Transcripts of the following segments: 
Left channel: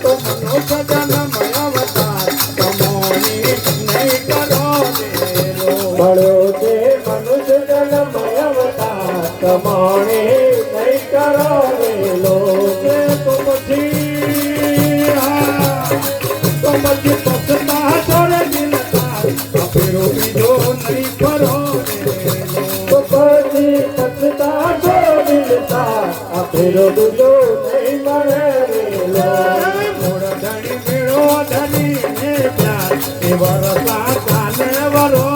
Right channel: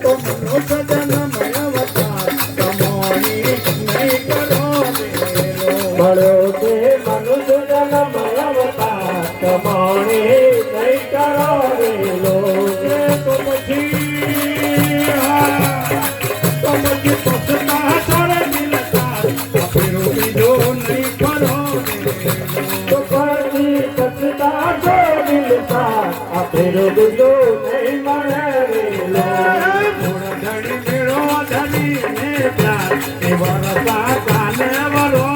તો મનુષ્ય જન્મ અવતાર કમોણી નહીં કરો વેલો મળ્યો છે મનુષ્ય જન્મ અવતાર કમાણી નહીં કરો વેલો તો પછી પછતા છોડે દિલતા ફેરો બીજો નહીં કરો તો પછી પછતા છો દિલતા આ ફેરો બીજો નહીં મળે વેલો મોર ધણી મેળો ધણી ને પ્યાર એ વરસા કાલે વરો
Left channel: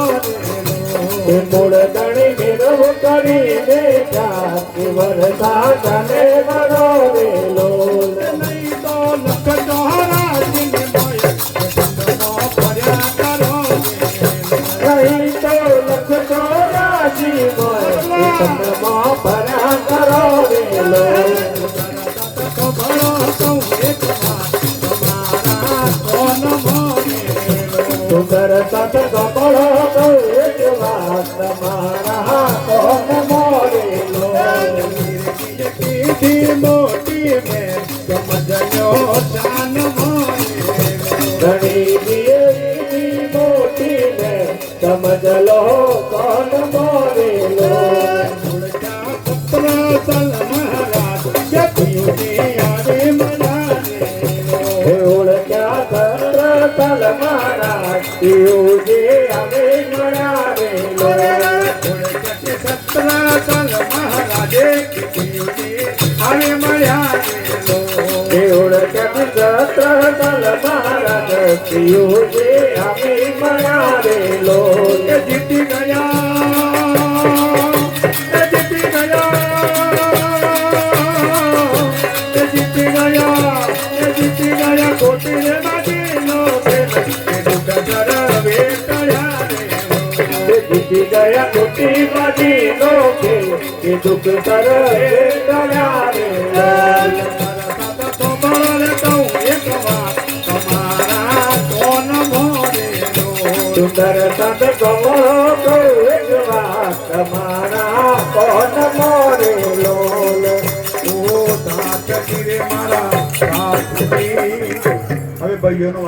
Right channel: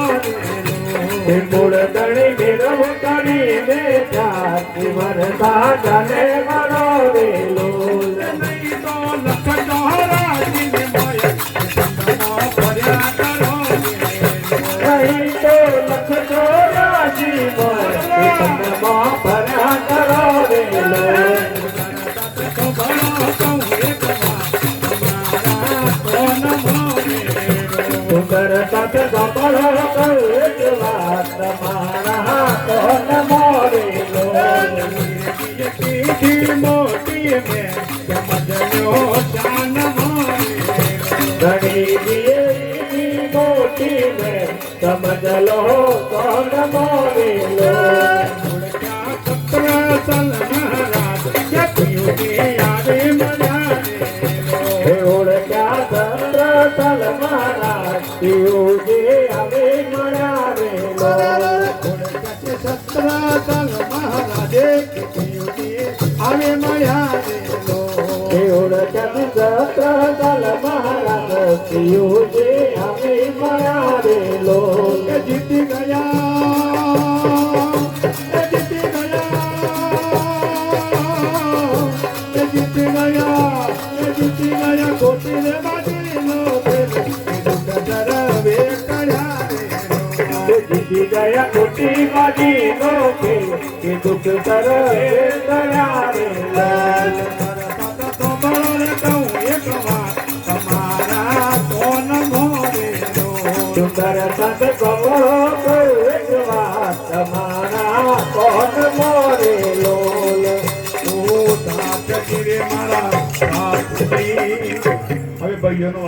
એ મૂળ ધણી મેળવ કરીને ચાર વરસા જાને વરો વેલો નહીં તો લખ ચોરાસી ને મય ચંદ્રમાં ફર્યા કરો નહીં તો લખ ચોરાસી ચંદ્રમાં ભર્યા કરો વેલો સુંદર સત ગપળ એક વાત તમારા કોણ મોરેલો મોટી મેં સમજ્યો શાન ઘણી દિયેલી મોટી મેં સમજ લો કોણ મોરેલો હે ઓળખ્યા તલ મારા યોગે આવે મળાવેલો હે ઓળખ્યા તલ મારા યોગે આવે મળાવેલો જીતી ગયા જીતી ગયા જીતી ગયા કોટી રે બાજીનો જીતી ગયા કોટી બાજી નો ખેલ કે દુઃખ કર સુંદર સત કહો તો એક વાત તમારા કોણ મોરેલો મારા હવે ભાઈઓનો